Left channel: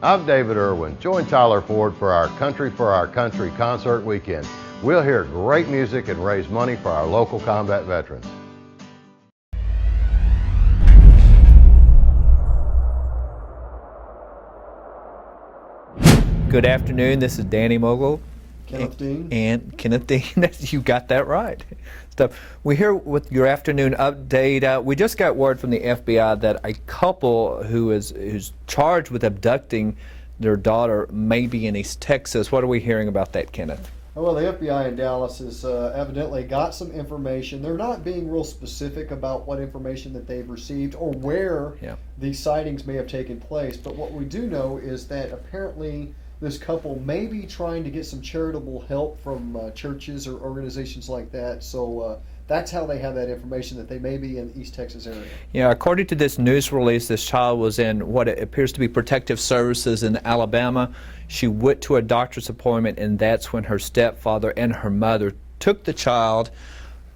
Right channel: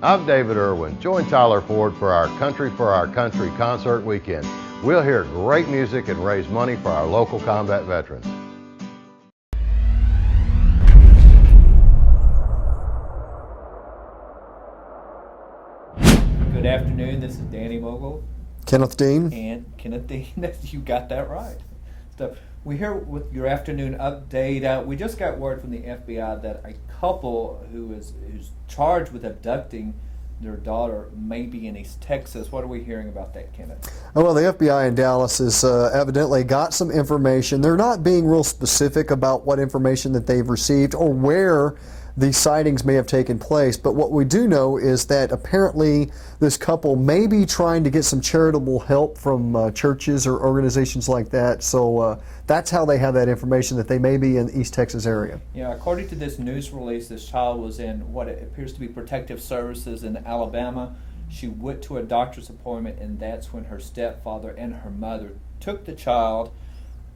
I'm David Irwin. Join Tyler Ford for our Country concert weekend. We'll hear great music and raise money for our local combat veterans. Good afternoon. This is Danny Mogle. Kenneth Dean. And Kenneth Dean. You got that right. So we're here with your afternoon update. We just got word from the FBI that a couple who's charged with abducting their daughter may be in East Texas. What are we hearing about that, Kenneth? Oh, well, the FBI in Dallas has evidently got some information. They're not being real specific about what information that they've received or where these sightings may have taken place. But what we do know is that apparently this couple may be trying to get some charitable help from churches or organizations like that. So that's how they have that information, that they may be in the East Texas area. Yeah, according to this news release, this child was in what appears to be protective services in Alabama. She went to a doctor's appointment, and that's when her stepfather and her mother took the child,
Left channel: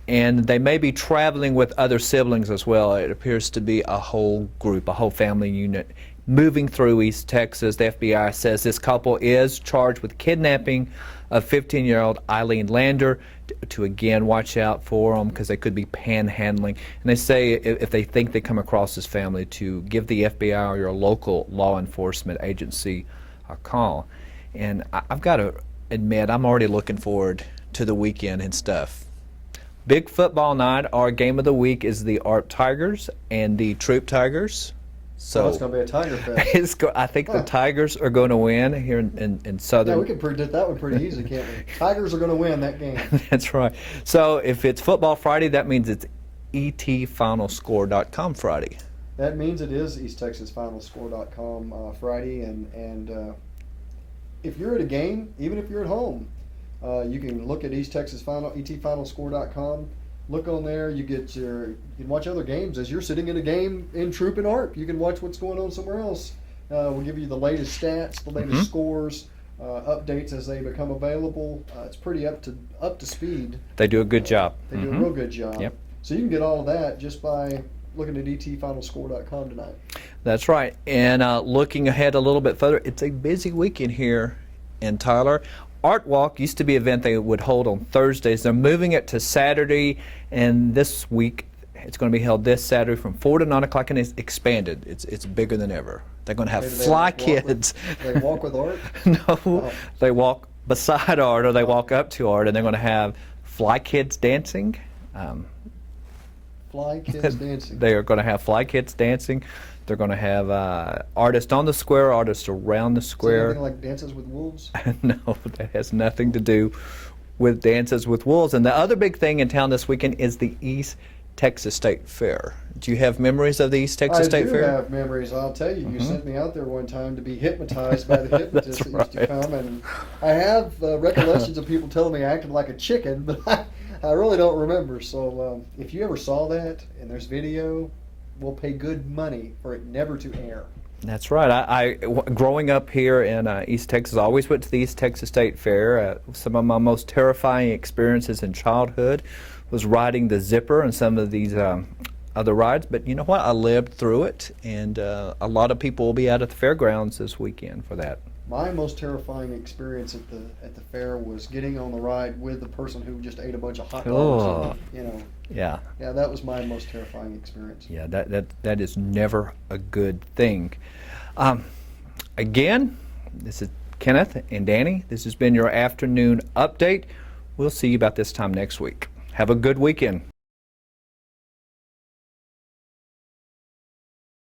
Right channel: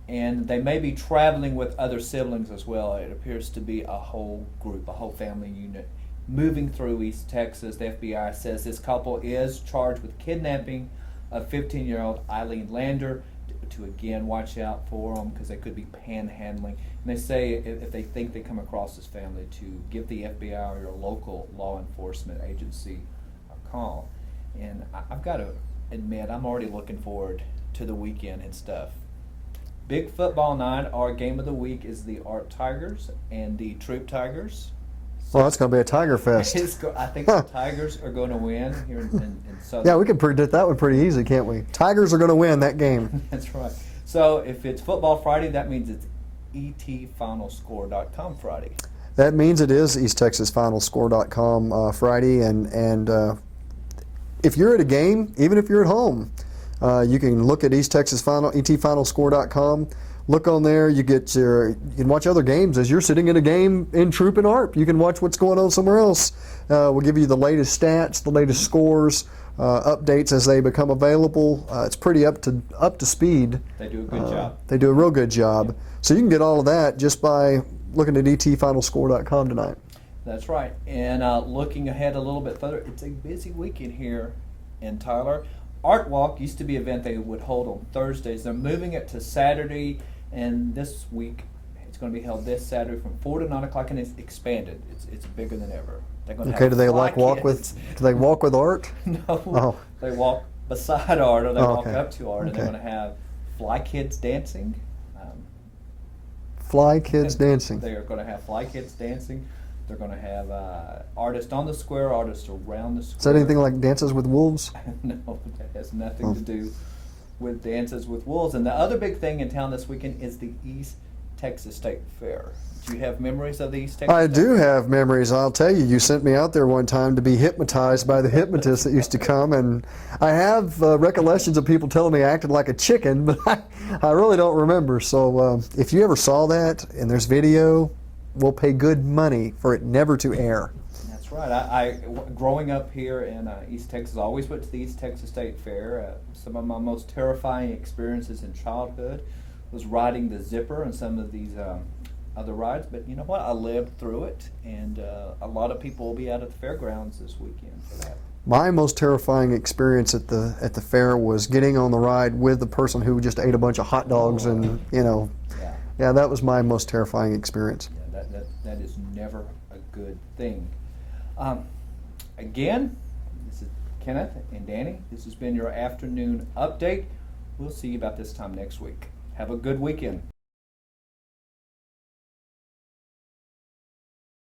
and they may be traveling with other siblings as well. It appears to be a whole group, a whole family unit moving through East Texas. The FBI says this couple is charged with kidnapping of 15-year-old Eileen Lander, to again watch out for them because they could be panhandling. And they say if they think they come across this family, to give the FBI or your local law enforcement agency a call. And I've got to admit, I'm already looking forward to the weekend and stuff. Big football night. Our game of the week is the ARP Tigers and the Troop Tigers. So well, it's going to be a Tiger Fest. I think the Tigers are going to win here in Southern. Yeah, we can predict that one pretty easy, can't we? Tigers are going to win that game. That's right. So if it's Football Friday, that means it's etfinalscore.com Friday. That means it is EastTexasFinalScore.com Friday, and if you're at a game, even if you're at home, you can look at EastTexasFinalScore.com. Look on there. You can watch other games as you're sitting in a game in Troop and ARP. You can watch what's going on somewhere else. We'll give you the latest stats, the latest scores, updates as they become available. It's pretty up to speed. They do a good job. They do a real good job. Yep. So you can get all of that just by looking at etfinalscore.com tonight. That's right. And looking ahead a little bit further, it's a busy weekend here in Tyler. Art Walk used to be an event they would hold on Thursdays. They're moving it to Saturday, and this week it's going to be held this Saturday from 4 to 9 o'clock, and it's expanded. It's bigger than ever. They're going to have fly kids. Do they walk with Art? No, They walk beside Art, or they walk up to Art, and they're going to have fly kids dancing. Fly kids dancing. They are going to have fly kids dancing. They're going to have artists on the square, artists around the square. Is there anything like Dances with Wolves? No, that has nothing to do with Dances with Wolves. And the other big thing in town this weekend is the East Texas State Fair. Do you have memories of the East Texas State Fair? I do have memories. I'll tell you, you sent me out there one time to be hypnotized by the hypnotist that used to come, and I have recollections of people telling me I acted like a chicken, but I really don't remember. So if you ever saw that and there's video, we'll pay good money for it never to air. That's right. I growing up here in East Texas, I always went to the East Texas State Fair. Some of my most terrifying experiences in childhood was riding the zipper and some of these other rides. But you know what? I lived through it, and a lot of people will be out at the fairgrounds this weekend for that. My most terrifying experience at the fair was getting on the ride with the person who just ate a bunch of hot dogs, and yeah, that was my most terrifying experience. Yeah, that is never a good thing. Again, this is Kenneth and Danny. This has been your afternoon update. We'll see you about this time next week. Have a good weekend.